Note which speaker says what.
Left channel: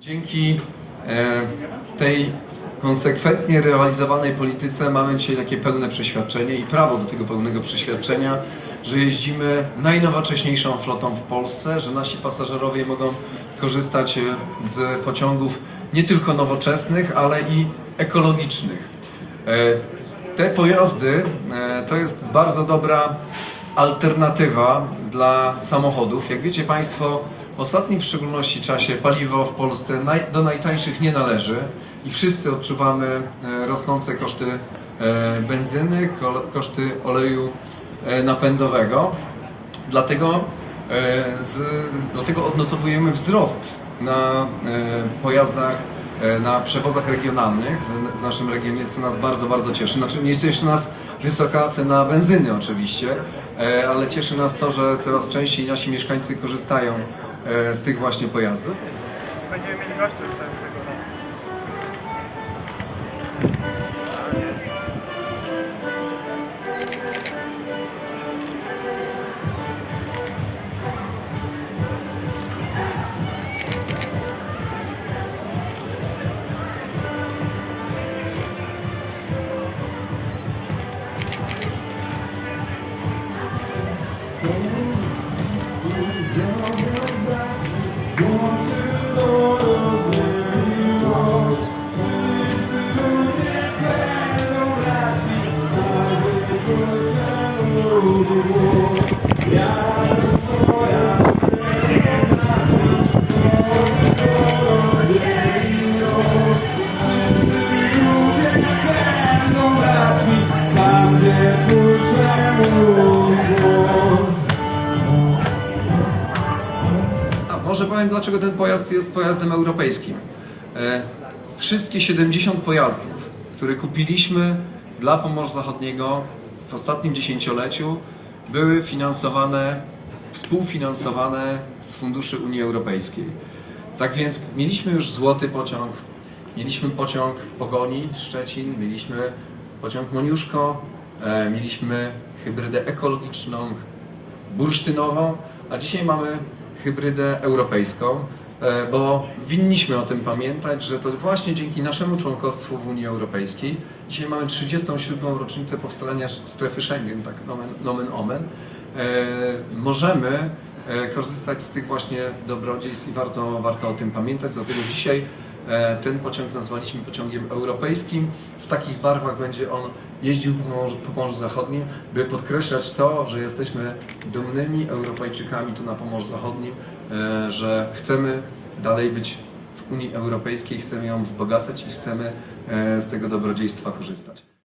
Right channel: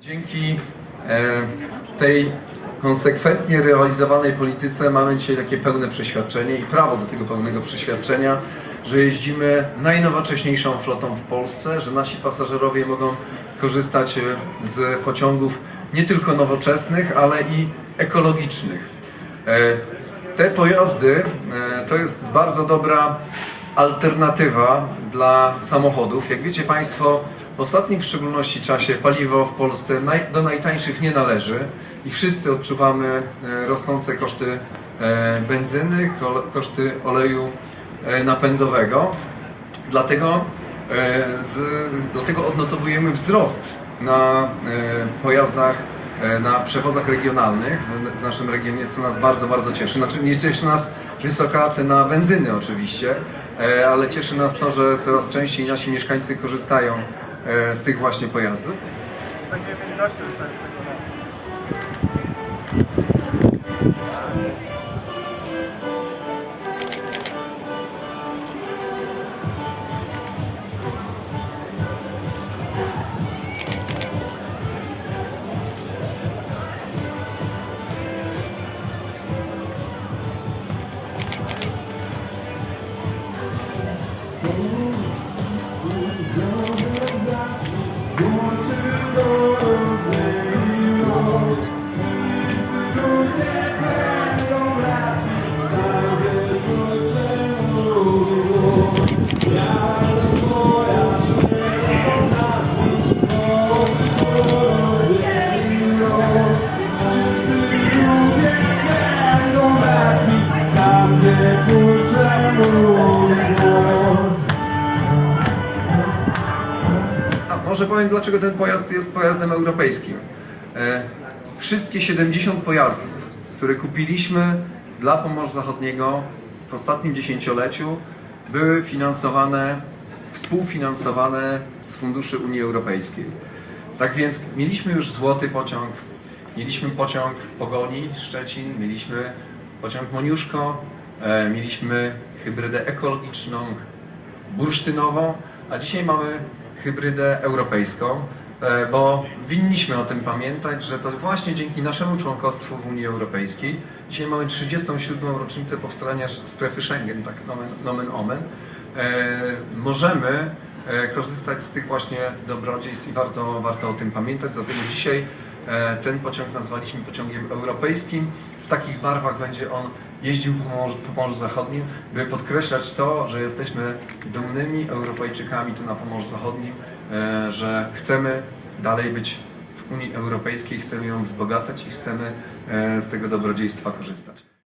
Speaker 1: Dzięki e, tej konsekwentnie realizowanej polityce mamy dzisiaj takie pełne przeświadczenie i prawo do tego pełnego przeświadczenia, że jeździmy najnowocześniejszą flotą w Polsce, że nasi pasażerowie mogą korzystać e, z pociągów nie tylko nowoczesnych, ale i ekologicznych. E, Te pojazdy to jest bardzo dobra alternatywa dla samochodów. Jak wiecie Państwo, w ostatnim w szczególności czasie paliwo w Polsce do najtańszych nie należy i wszyscy odczuwamy e, rosnące koszty e, benzyny, ko, koszty oleju e, napędowego. Dlatego, z, dlatego odnotowujemy wzrost na pojazdach, na przewozach regionalnych w- naszym regionie, co nas bardzo, bardzo cieszy. Znaczy nie cieszy nas wysoka cena benzyny oczywiście, ale cieszy nas to, że coraz częściej nasi mieszkańcy korzystają e, z tych właśnie pojazdów.
Speaker 2: Będziemy mieli
Speaker 1: może powiem, dlaczego ten pojazd jest pojazdem europejskim. E, wszystkie 70 pojazdów, które kupiliśmy dla Pomorza Zachodniego w ostatnim dziesięcioleciu, były finansowane, współfinansowane z funduszy Unii Europejskiej. Tak więc mieliśmy już złoty pociąg, mieliśmy pociąg Pogoni Szczecin, mieliśmy pociąg Moniuszko, e, mieliśmy hybrydę ekologiczną, bursztynową, a dzisiaj mamy hybrydę europejską, bo winniśmy o tym pamiętać, że to właśnie dzięki naszemu członkostwu w Unii Europejskiej, dzisiaj mamy 37. rocznicę powstania strefy Schengen, tak nomen, nomen omen, e, możemy e, korzystać z tych właśnie dobrodziejstw i warto, warto o tym pamiętać, dlatego dzisiaj E, Ten pociąg nazwaliśmy pociągiem europejskim. W takich barwach będzie on jeździł po Morzu, po Morzu Zachodnim, by podkreślać to, że jesteśmy dumnymi Europejczykami tu na Pomorzu Zachodnim, e, że chcemy dalej być w Unii Europejskiej, chcemy ją wzbogacać i chcemy e, z tego dobrodziejstwa korzystać.